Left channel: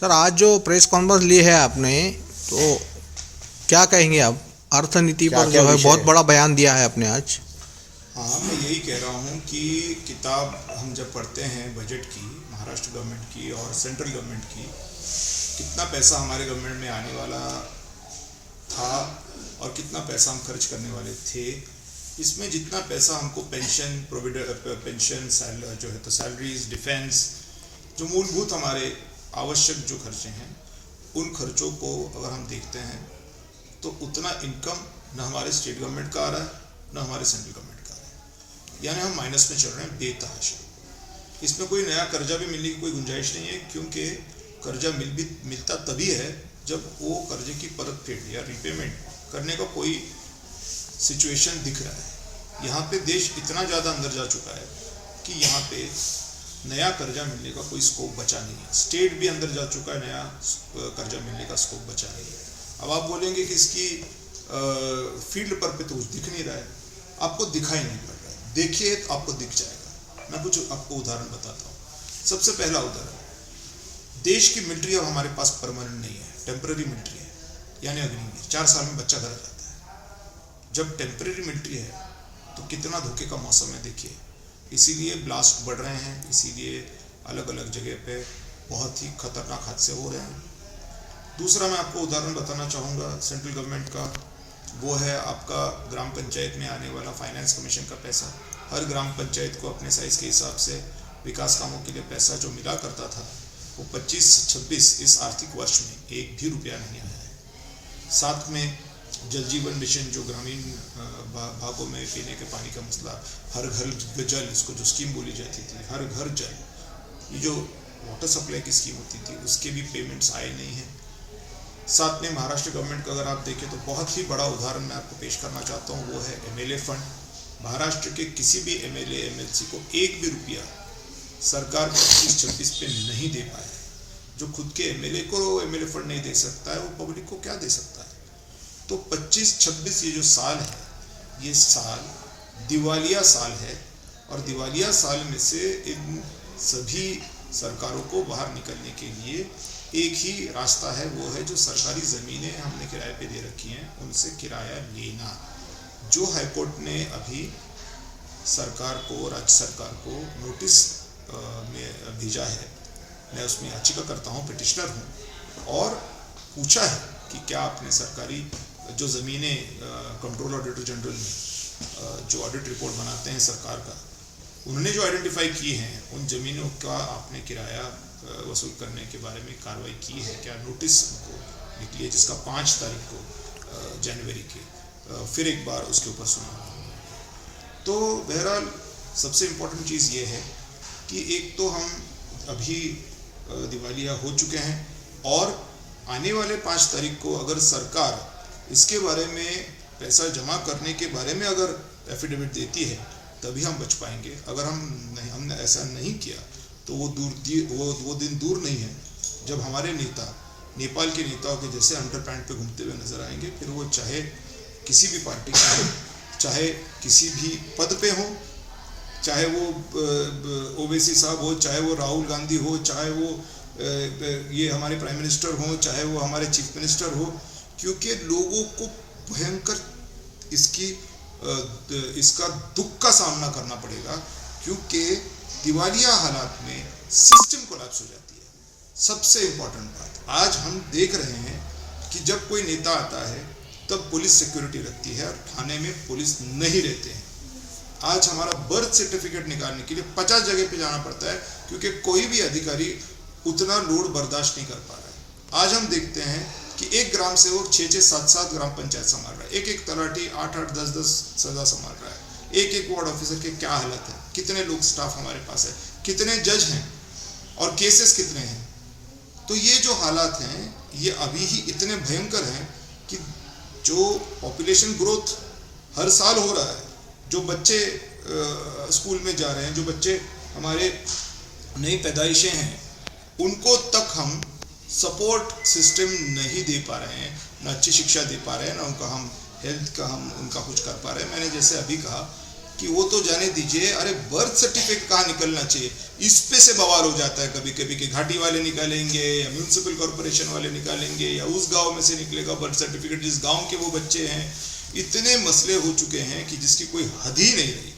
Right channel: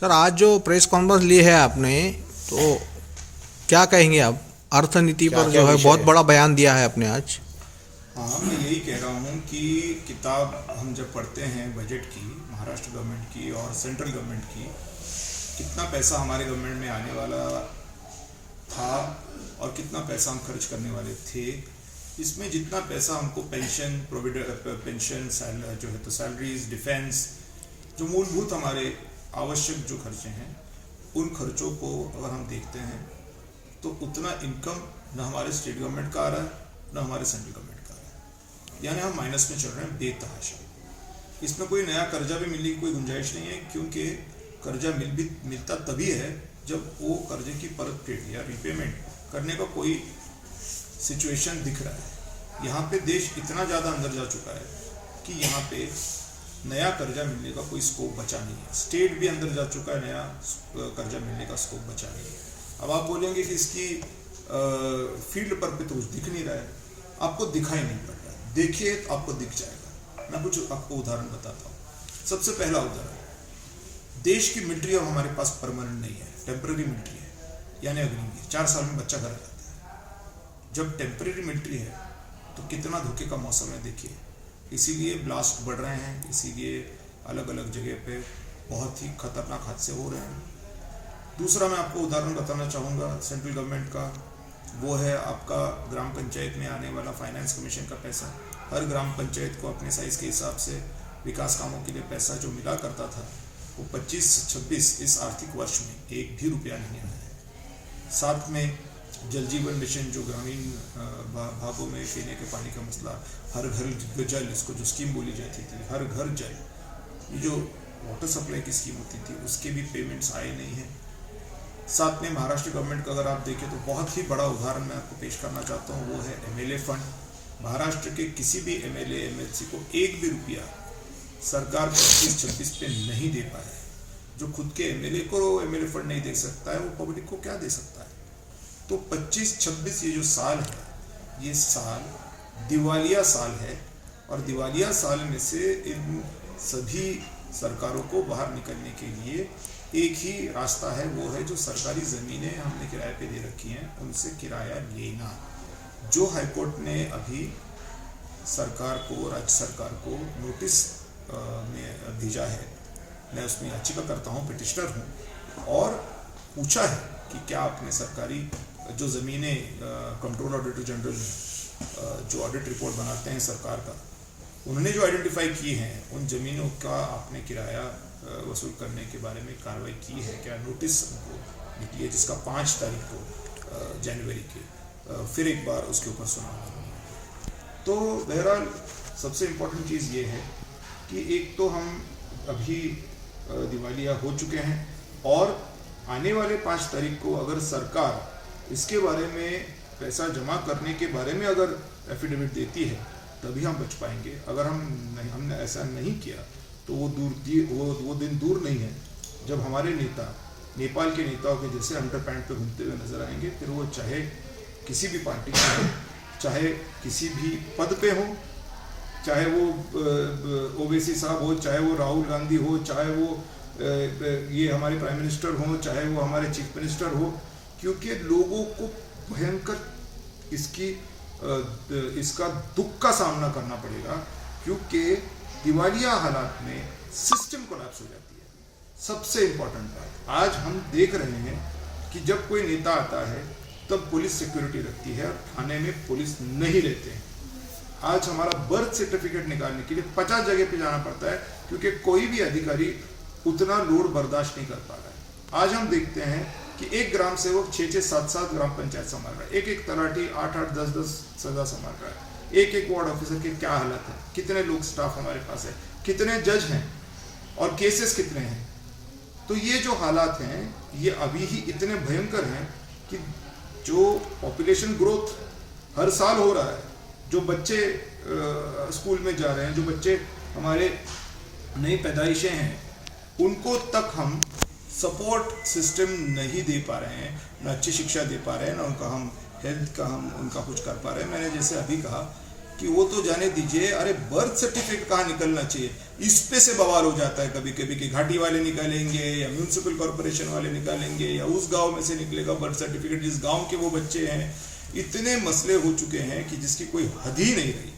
Sir, आज जो press conference ली है आपने, तो क्या कहेंगे आप? अर्थनीति पर जो है बहुत बड़ा बयान दिया है आपने आज। हाँ, मैं यही कह रहा हूँ कि किताब हम जब पढ़ते हैं बजट की, महाराष्ट्र गवर्नमेंट की और सेंट्रल गवर्नमेंट की, कितना पैसा हमारे गवर्नमेंट में आने वाला था और कितना पैसा हम खर्च करने वाले थे, इसमें जितना पैसा हमको पेंशन जो है तो सैलरीज, डिफेंस, जो मूलभूत हमारे आवश्यक जो खर्चे हैं, उन खर्चों को अगर हम देखते हैं तो उतना इनकम न हमारे स्टेट गवर्नमेंट का आ रहा है न हमारे सेंट्रल गवर्नमेंट का आ रहा है, यानी हम माइनस में चल रहे हैं बेतहाशा। इसमें कोई नया कर्जा भी मिलने की कोई गुंजाइश नहीं है, क्योंकि कर्जा मिलता तभी है जब वो कर्जे की परत फेड या रीपेमेंट करने का कोई सिचुएशन दिख रहा है। यहाँ पे देश इतना ज़्यादा अंदर जा चुका है कि यहाँ पे नया कर्जा मिलने का कोई स्कोप बचा नहीं है। स्टेट भी अंदर जा चुका है, नया कर्जा मिलने का स्कोप बचा नहीं है। अब आप बोलेंगे कि इसकी फील्ड पर पे तो कुछ दिख नहीं रहा है, आपको दिखाई नहीं पड़ रहा है। देखिए तो आपको दिख जाएगा। मैं कुछ आपको उदाहरण बताता हूँ। सबसे पहला उदाहरण, देश की मिलिट्री अब हमारे पास परमानेंट नहीं है, टेम्पररी मिलिट्री है, यानी अग्निवीर। 4 साल में बच्चा घर जाता है। जब टेम्पररी मिलिट्री है तो कितना धोखे का मौसम है, देखिए। इसीलिए ब्लास्ट बढ़ रहे हैं, इसीलिए अलग अलग जगह पे बहुत ही खतरनाक हादसे हो रहे हैं। दूसरा मैं आपको उदाहरण बताना चाहूँगा सेंट्रल गवर्नमेंट का, वो है आपका ग्राम पंचायत में आने वाला फाइनेंस कमीशन का पैसा। हर ग्राम पंचायत को अपने साइज़ के हिसाब से विकास कामों के लिए पैसा जो मिला करता था, वो 25-26 इस आर्थिक वर्ष में एक भी रुपया नहीं आया है। साथ में जल जीवन मिशन, जो ग्रामीण भागों में पीने के पानी का मसला, हर घर जल, इसको जो स्कीम बोली जाती थी, हर घर जल, ये जो वाटर सप्लाई की स्कीम होती थी, उसके भी पेमेंट्स आए नहीं हैं। साथ में महाराष्ट्र गवर्नमेंट का अगर आप देखें तो बहुत ही बड़ा उदाहरण मैं आपको पेश करना चाहता हूँ, वो है एमएलए फंड। महाराष्ट्र के किसी भी एमएलए एमएलसी को एक भी रुपया सरकार 25-26 पे नहीं दे पाया है। जो खुद के एमएलए को एमएलए फंड नहीं दे सकता है, वो पब्लिक को क्या दे सकता है? तो 25-26 ये जो साल है, ये साल दिवालिया साल है, और दिवालिया साल में से इन सभी सरकारों को बाहर निकलने के लिए एक ही रास्ता है, वो है जो सरकारी ज़मीनें हमने किराए पे दे रखी हैं, उनसे किराया लेना। जो हाईकोर्ट ने अभी सरकार को, राज्य सरकार को नोटिस में भेजा है, मैं उसमें याचिका करता हूँ, पिटिशनर हूँ, और पूछा है कि क्या आपने सरकारी जो ज़मीनें कंट्रोल ऑडिटर जनरल ने जो ऑडिट रिपोर्ट बनाते हैं सरकार का, उन्होंने जो आइडेंटिफाई किए हैं, उन ज़मीनों का आपने किराया वसूल करने के बारे में कार्रवाई की है क्या? नोटिस हमको निकली है, जिसका 5 तारीख को जनवरी के फिर एक बार उसके ऊपर सुना। तो बहरहाल सबसे इम्पोर्टेंट चीज़ ये है कि एक तो हम अभी दिवालिया हो चुके हैं, और आने वाले 5 तारीख को अगर सरकार इसके बारे में, पैसा जमा करने के बारे में अगर एफिडेविट देती है, तभी हम बच पाएंगे। अगर हमने ऐसा नहीं किया तो वो दिन दूर नहीं है जब हमारे नेता नेपाल के नेताओं के जैसे अंडरपैंट पे घूमते हुए नजर आएंगे। फिर वो चाहे किसी भी पार्टी के हो, चाहे किसी भी पद पे हो, चाहे वो ओवैसी साहब हो, चाहे वो राहुल गांधी हो, चाहे वो ये हमारे प्राइम मिनिस्टर हो, चाहे वो हमारे चीफ मिनिस्टर हो, क्योंकि लोगों को भयंकर इसका दुख का सामना करना पड़ेगा, क्योंकि दिवालिया हालात में सिस्टम कोलैप्स हो जाती है। सबसे इम्पोर्टेंट बात, आज हम देख रहे हैं कि जब कोई नेता आता है तब पुलिस सिक्योरिटी रखती है, और थाने में पुलिस नहीं रहते हैं। आज हमारा बर्थ सर्टिफिकेट निकालने के लिए 50 जगह पे जाना पड़ता है, क्योंकि कोई भी अधिकारी उतना लोड बर्दाश्त नहीं कर पा रहा है। आज हम देखते हैं कि एक ग्राम सेवक 6-6, 7-7 ग्राम पंचायत संभाल रहा है, एक तलाटी 8-8, 10-10 सजा संभाल रहा है, एक वार्ड ऑफिसर के क्या हालत है, कितने लोग स्टाफ हमारे पास है, कितने जज हैं, और केसेस कितने हैं। तो ये जो हालात हैं, ये अभी ही इतने भयंकर हैं कि जो पॉपुलेशन ग्रोथ हर साल हो रहा है, जो बच्चे स्कूल में जा रहे हैं, जो बच्चे हमारे नई पैदाइशें हैं, उनको तक हम सपोर्ट सिस्टम नहीं दे पा रहे हैं, न अच्छी शिक्षा दे पा रहे हैं, न उनका हम हेल्थ का हम उनका कुछ कर पा रहे हैं। मैंने जैसे अभी कहा कि वो तो जाने दीजिए, अरे बर्थ सर्टिफिकेट कहाँ निकलना चाहिए, इस पे से बवाल हो जाता है कभी कभी कि घाटी वाले निकालेंगे या म्यूनिसिपल कॉर्पोरेशन वाले निकालेंगे या उस गांव में से निकलेगा बर्थ सर्टिफिकेट जिस गांव के वो बच्चे हैं। इतने मसले हो चुके हैं कि जिसकी कोई हद ही नहीं रही।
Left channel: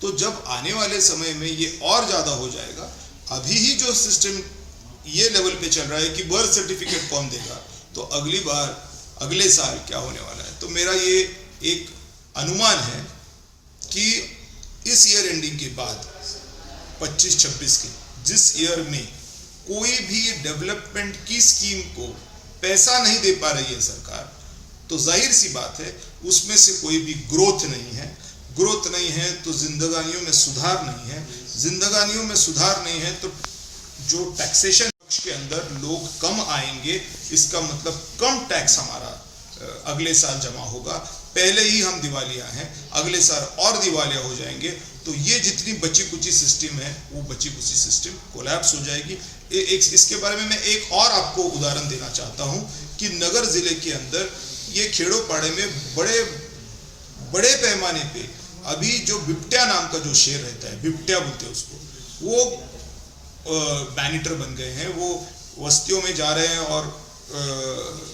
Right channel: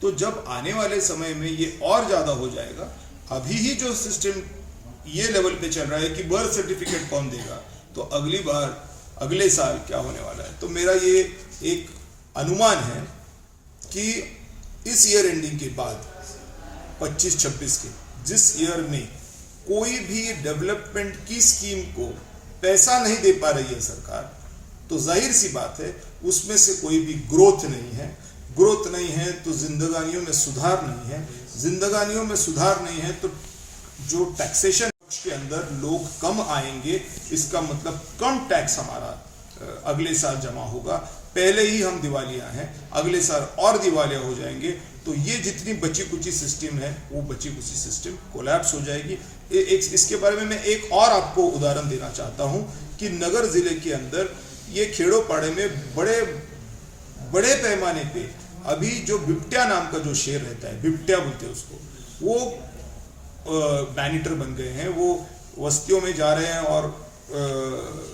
तो जब आने वाले समय में ये और ज़्यादा हो जाएगा, अभी ही जो सिस्टम ये लेवल पे चल रहा है कि बर्थ सर्टिफिकेट कौन देगा, तो अगली बार अगले साल क्या होने वाला है। तो मेरा ये एक अनुमान है कि इस ईयर एंडिंग के बाद 25-26 के जिस ईयर में कोई भी डेवलपमेंट की स्कीम को पैसा नहीं दे पा रही है सरकार, तो जाहिर सी बात है उसमें से कोई भी ग्रोथ नहीं है। ग्रोथ नहीं है तो जिंदगानियों में सुधार नहीं है। जिंदगानियों में सुधार नहीं है तो जो टैक्सेशन के अंदर लोग कम आएंगे, इसका मतलब कम टैक्स हमारा अगले साल जमा होगा। पहले ही हम दिवालिया हैं, अगले साल और दिवालिया हो जाएंगे, तो ये जितनी बची कुची सिस्टम है वो बची कुची सिस्टम कोलैप्स हो जाएगी। इसके बारे में मैं एक और आपको उदाहरण देना चाहता हूं कि नगर जिले के अंदर ये खेड़ो पाड़े में बड़े पैमाने पे अभी जो बिबट्या नाम का जो शेर रहता है, बिबट्या बोलते हैं उसको, वो मैनिटर बन गए हैं। वो बस्तियों में जा रहे हैं और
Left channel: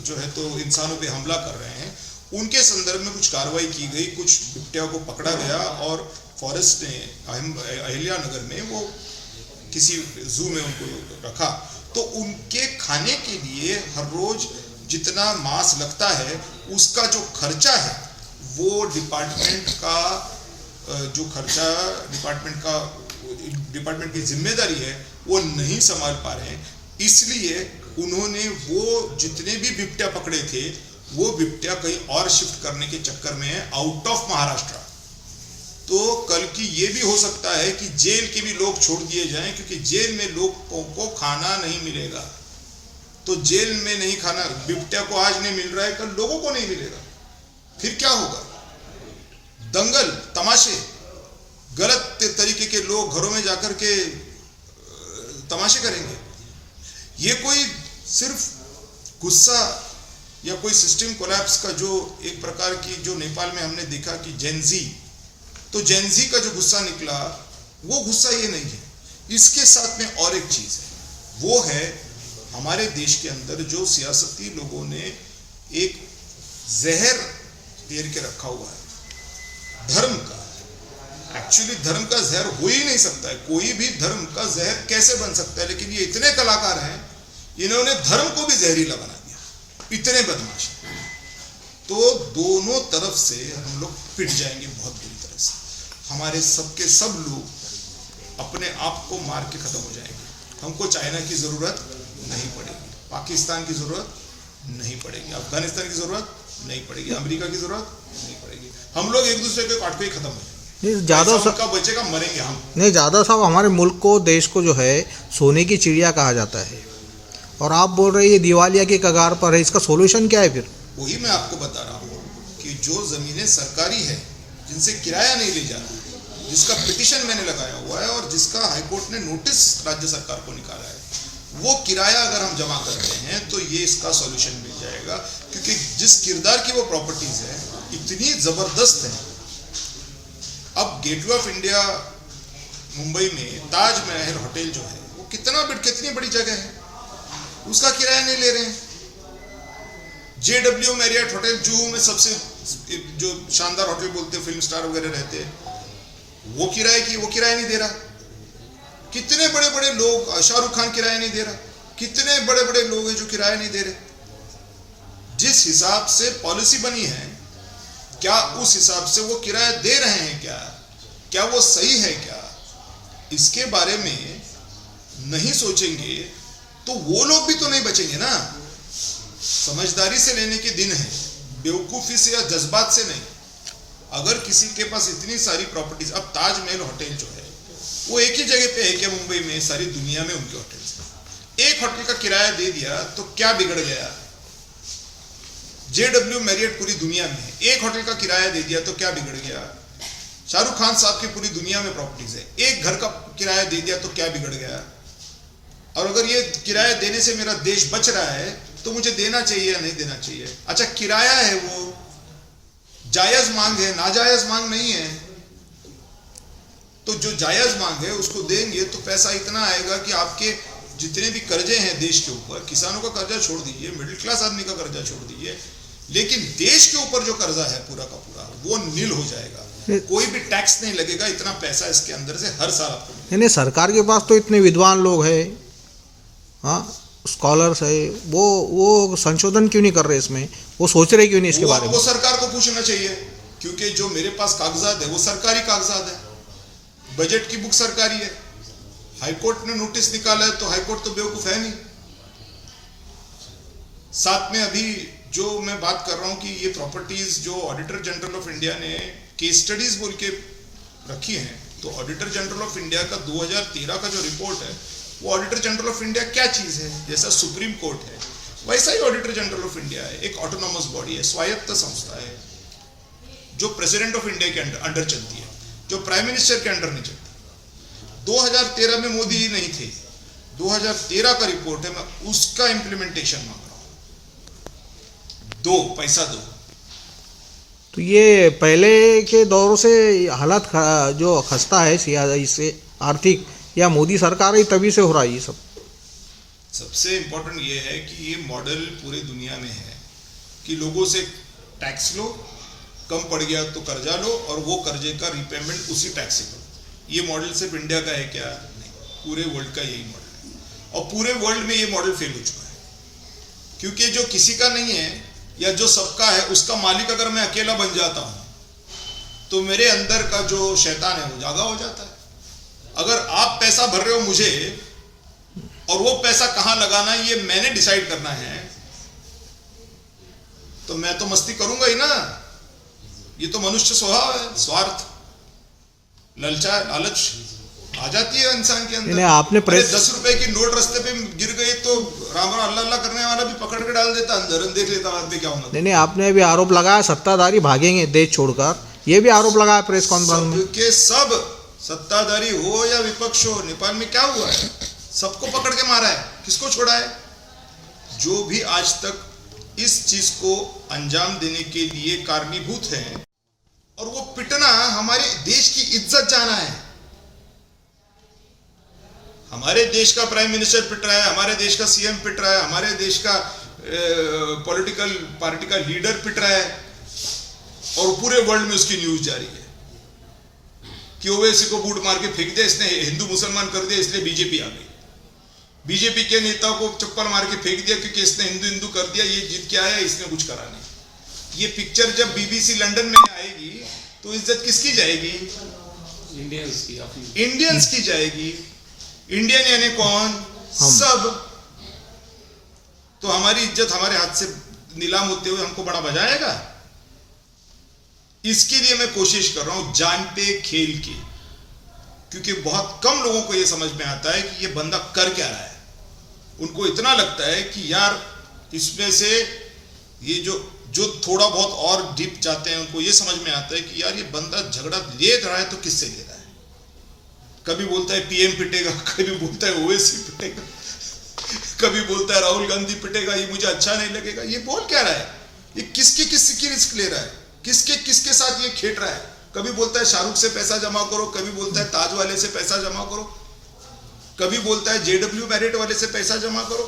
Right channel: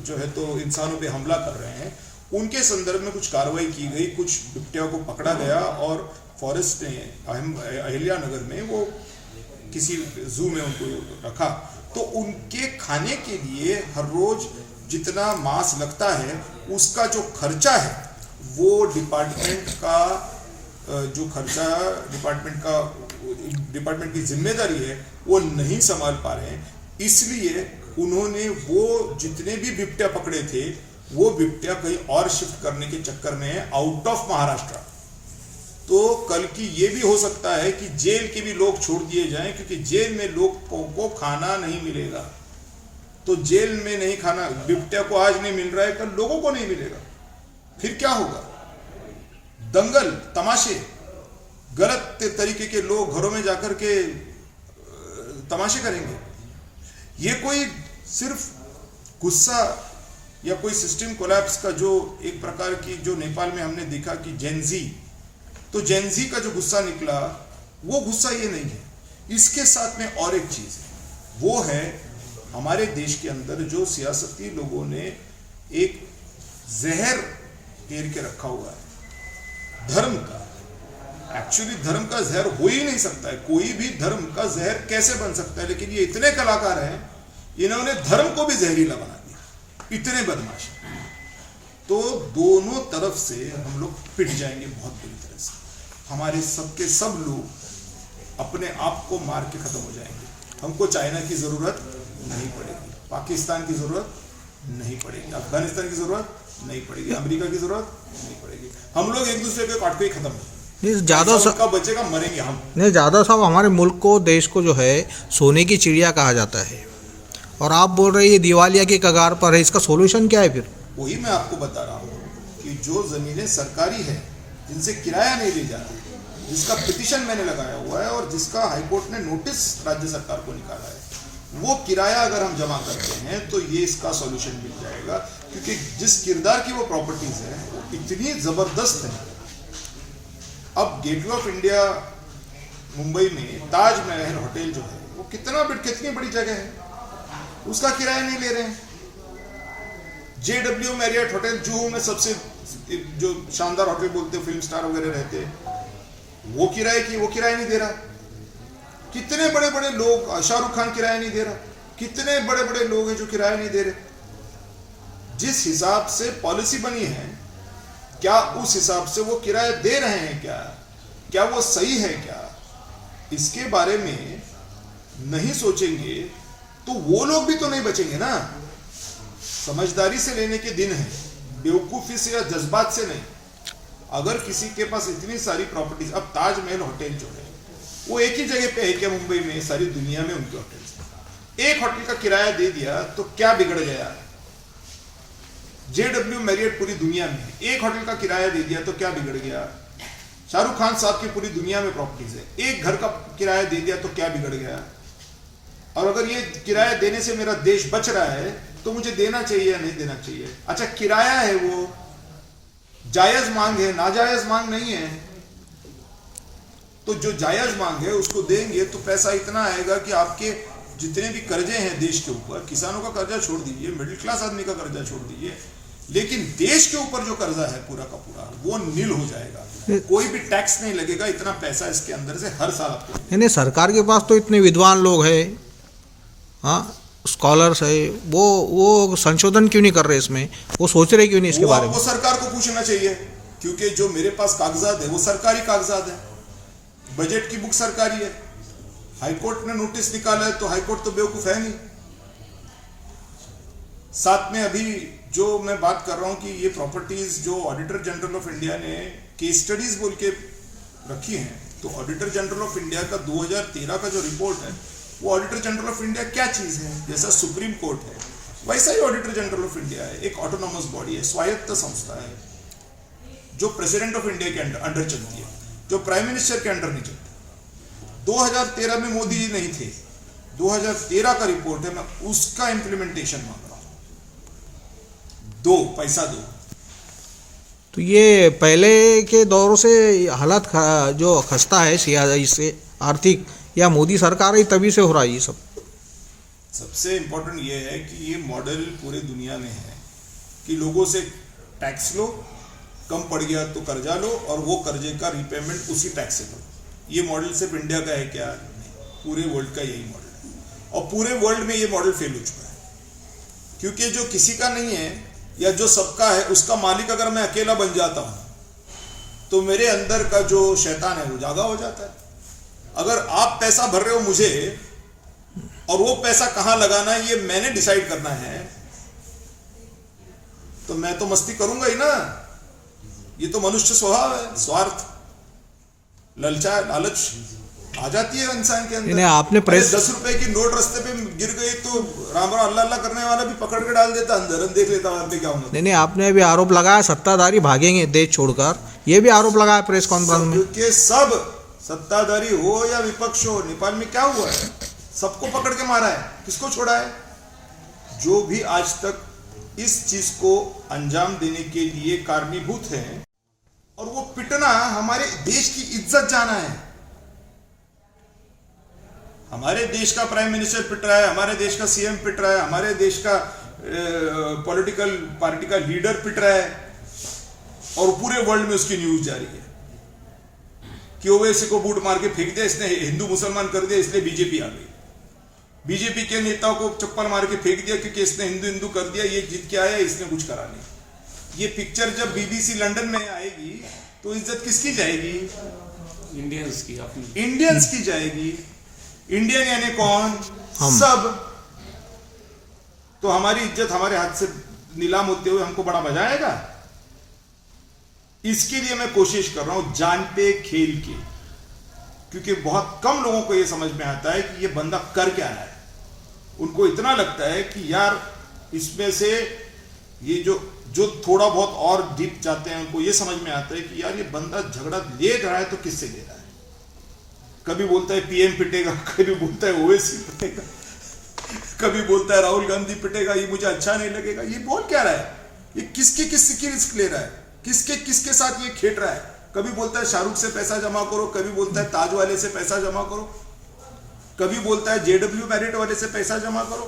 जो है तो इंसानों पे हमला कर रहे हैं। उनके संदर्भ में कुछ कार्रवाई की गई, कुछ बिबट्या को पकड़ा गया और फॉरेस्ट ने अहिल्या नगर में वो किसी जू में उनको रखा। तो उनके खाने के लिए हर रोज जितना मांस लगता है उसका जो खर्चा है वो डिपार्टमेंट का जो खर्चा डिपार्टमेंट की जिम्मेदारी है वो नहीं संभाल पा रहे हैं। इसलिए उन्होंने वो जितने भी बिबट्या पकड़े थे वो बिबट्या कहीं और शिफ्ट करने के चक्कर में है आउट ऑफ महाराष्ट्र। तो कल की ये भी हो सकता है कि जेल के भी लोग छोड़ दिए जाएं, क्योंकि जेल में लोगों को खाना नहीं मिलेगा। तो जेल में नहीं खाना, बिबट्या को आज नहीं मिल रहा है, कल लोगों को नहीं मिलेगा। फिर क्या होगा? दंगल, तमाशे, गलत तरीके के लोग घरों में जाकर के तमाशे करेंगे। ये कोई सिर्फ गुस्सा या कोई सिस्टम कोलैप्स का जो एक प्रकार की जो नेपाल में हमने देखा कि जेनजी, तो जेनजी का जो गुस्सा निकला वो गुस्सा ये नहीं है। इसके साथ में और एक चीज है, वो है हमारे देश के अंदर जो सियासती लोगों ने एक जहर पेर के रखा हुआ है धर्म का। एक्चुअली धर्म का जहर हो ही नहीं सकता है, कोई भी धर्म का जहर कैसे बन सकता है, लेकिन ये इतने कलाकार हैं, इन्होंने धर्म को भी जहरीला बना दिया, इतने बदमाश। तो दोनों तरफ से हम लोग पिट जाएंगे बहुत बुरी तरह से। हमारे सबके सब लोग अपने आप को मार के खत्म हो जाएंगे। हमको चाइना की जरूरत नहीं पड़ेगी, पाकिस्तान की जरूरत नहीं पड़ेगी, अफगानिस्तान की जरूरत नहीं पड़ेगी, अमेरिका की जरूरत नहीं पड़ेगी। हम लोग एक दूसरे को काट के ही खत्म हो जाएंगे। ज्यादा का बचेगा, मरेंगे हम। नहीं, ज़्यादा साहब हमारे मुल्क को, देश को जो है सोने की चिड़िया कहा जाता है, और आप बोल रहे हैं दिवालिया के कगार पर है। इसका सोल्यूशन क्या है फिर? वही मैं आपको बता रहा हूँ कि जो जमीनें सरकारी है, जिनसे किराया नहीं ले जा रहा, जिसका पिटीशन मैंने लगाया हुआ है और जिसका हाईकोर्ट ने नोटिस राज्य सरकार को निकाला है, वो किराया अगर हम जमा करते हैं तो ये इसका सॉल्यूशन मिल जाएगा। क्योंकि जिस किरदार की वो प्रॉपर्टीज है इतनी जबरदस्त है। अब गेटवे ऑफ इंडिया मुंबई में ताजमहल होटल जो है वो कितनी बड़ी जगह है, उसका किराया नहीं ले रहे हैं। JW मैरियट होटल जुहू में सबसे जो शानदार होटल बोलते हैं, फिल्म स्टार वगैरह रहते हैं, वो किराया नहीं दे रहा। कितने बड़े बड़े लोग, शाहरुख खान किराया नहीं दे रहा, कितने बड़े बड़े लोग हैं जो किराया नहीं दे रहे। जिस हिसाब से पॉलिसी बनी है, क्या उस हिसाब से वो किराया दे रहे हैं? क्या वो सही है? क्या इसके बारे में नहीं सोचेंगे तो वो लोग भी तो नहीं बचेंगे ना। समझदारी से लेने के दिन है, बेवकूफी से या जज्बात से नहीं। अगर किसी के पास इतनी सारी प्रॉपर्टीज, अब ताजमहल होटल जो है वो एक ही जगह पे है क्या मुंबई में? सारी दुनिया में उनके होटल्स हैं। एक होटल का किराया दे दिया तो क्या बिगड़ गया? JW मैरियट पूरी दुनिया में है, एक होटल का किराया दे दिया तो क्या बिगड़ गया? शाहरुख खान साहब की पूरी दुनिया में प्रॉपर्टीज है, एक घर का किराया दे दिया तो क्या बिगड़ गया? और अगर ये किराया देने से मेरा देश बच रहा है तो मुझे देना चाहिए या नहीं देना चाहिए? अच्छा, किराया है, वो जायज मांग है, नाजायज मांग नहीं है। तो जो जायज़ मांग है उसको देंगे तो पैसा इतना आएगा कि आपके जितने भी कर्जे हैं देश के ऊपर, किसानों का कर्जा छोड़ दीजिए, मिडिल क्लास आदमी का कर्जा छोड़ दीजिए, लेकिन देश के ऊपर जो कर्जा है पूरा का पूरा वो नील हो जाएगा। कोई भी टैक्स नहीं लगेगा, इतना पैसा इसके अंदर से हर साल आपको। नहीं, सरकार के पास तो इतने विद्वान लोग हैं, हाँ, स्कॉलर्स है, वो संशोधन क्यों नहीं कर रहे इसमें? वो सोच रहे क्यों नहीं इसके बारे में? वो सरकार को पूछना चाहिए, क्योंकि जो मेरे पास कागजात है वो सरकारी कागजात है, बजट की बुक सरकारी है। हाईकोर्ट ने नोटिस निकाला है तो हाईकोर्ट तो बेवकूफ है नहीं। साथ में अभी जो मैं बात कर रहा हूं कि ये प्रॉपर्टीज जो ऑडिटर जनरल ऑफ इंडिया ने केस स्टडीज बोल के रखी हैं, तो ऑडिटर जनरल ऑफ इंडिया का 2013 का जो रिपोर्ट है वो ऑडिटर जनरल ऑफ इंडिया क्या चीज है? जैसा सुप्रीम कोर्ट है वैसा ही ऑडिटर जनरल ऑफ इंडिया है, एक ऑटोनॉमस बॉडी है, स्वायत्त संस्था है, जो प्रेसिडेंट ऑफ इंडिया के अंडर चलती है, जो प्राइम मिनिस्टर के अंडर नहीं चलती। 2013 में मोदी जी नहीं थे, 2013 का रिपोर्ट है, मैं उसका इंप्लीमेंटेशन मांग रहा हूं। दो पैसा दो। तो ये पहले के दौर से हालत जो खस्ता है इससे आर्थिक, या मोदी सरकार ही तभी से हो रहा है ये सब? सबसे इंपॉर्टेंट ये है कि ये मॉडल पूरे दुनिया में है कि लोगों से टैक्स लो, कम पड़ गया तो कर्जा लो और वो कर्जे का रीपेमेंट उसी टैक्स से लो। ये मॉडल सिर्फ इंडिया का है क्या? नहीं, पूरे वर्ल्ड का यही मॉडल है, और पूरे वर्ल्ड में ये मॉडल फेल हो चुका है, क्योंकि जो किसी का नहीं है या जो सबका है उसका मालिक अगर मैं अकेला बन जाता हूं तो मेरे अंदर का जो शैतान है वो जागा हो जाता है। अगर आप पैसा भर रहे हो मुझे और वो पैसा कहां लगाना है ये मैंने डिसाइड करना है, तो मैं तो मस्ती करूंगा ही ना। ये तो मनुष्य स्वभाव है, स्वार्थ, लालच आ जाती है इंसान के अंदर। आपने 10 रुपए की नोट रास्ते पे गिर गई तो राम राम अल्लाह अल्लाह करने वाला भी पकड़ के डाल देता अंदर, देख लेता बाद में क्या होना। नहीं, आपने अभी आरोप लगाया सत्ताधारी भागेंगे देश छोड़कर, ये भी आरोप लगाया प्रेस कॉन्फ्रेंस में कि सब सत्ताधारी हो या विपक्ष हो, नेपाल में क्या हुआ है? सबको पकड़ के मारा है, किसको छोड़ा है? जो भी आज तक इस चीज को अंजाम देने के लिए कारणीभूत है, और वो पिटना हमारे देश की इज्जत जाना है। हमारे देश का प्राइम मिनिस्टर पिट रहा है, हमारे देश का सीएम पिट रहा है, हमारे देश का पॉलिटिकल पार्टी का लीडर पिट रहा है, और पूरे वर्ल्ड में उसकी न्यूज जारी है कि ओवैसी को बूट मार के फेंक दिया, इसने हिंदू मुसलमान कर दिया, इसलिए बीजेपी आ गई। बीजेपी के नेताओं को चप्पल मार के फेंक दिया क्योंकि इसने हिंदू हिंदू कर दिया, ये जीत के आया, इसने कुछ करा नहीं। ये पिक्चर जब बीबीसी लंदन में आएगी तो इज्जत किसकी जाएगी? इंडियंस की जाएगी। इंडियन यानी कौन? सब। तो हमारी इज्जत हमारे हाथ से नीलाम होते हुए हमको बड़ा मजा आएगा? इसके लिए मैं कोशिश कर रहा हूं जानते खेल के, क्योंकि बहुत कम लोगों को यह समझ में आता है कि यह बंदा कर क्या रहा है। उनको इतना लगता है कि यार इसमें से ये जो थोड़ा बहुत और डीप जाते हैं उनको ये समझ में आता है कि यार ये बंदा झगड़ा ले रहा है तो किससे ले रहा है। कभी बोलता है पीएम पिटेगा, कभी बोलता है ओवैसी पिटेगा, कभी बोलता है राहुल गांधी पिटेगा, ये मुझे अच्छा नहीं लगेगा। ये बोल क्या रहा है? ये किसकी रिस्क ले रहा है? किसके साथ ये खेट रहा है? कभी बोलता है शाहरुख से पैसा जमा करो, कभी बोलता है ताज वाले से पैसा जमा करो, कभी बोलता है जेडब्ल्यू मैरिट वाले से पैसा जमा करो।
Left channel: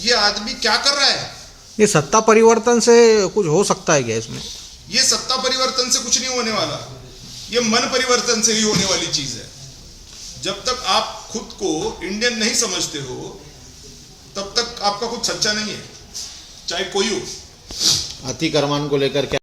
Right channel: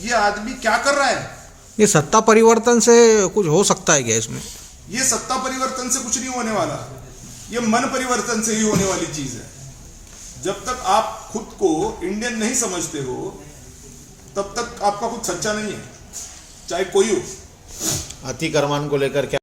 ये आदमी क्या कर रहा है? ये सत्ता परिवर्तन से कुछ हो सकता है क्या इसमें? ये सत्ता परिवर्तन से कुछ नहीं होने वाला, ये मन परिवर्तन से ही होने वाली चीज है। जब तक आप खुद को इंडियन नहीं समझते हो तब तक आपका कुछ सच्चा नहीं है, चाहे कोई हो। अतिक्रमण को लेकर क्या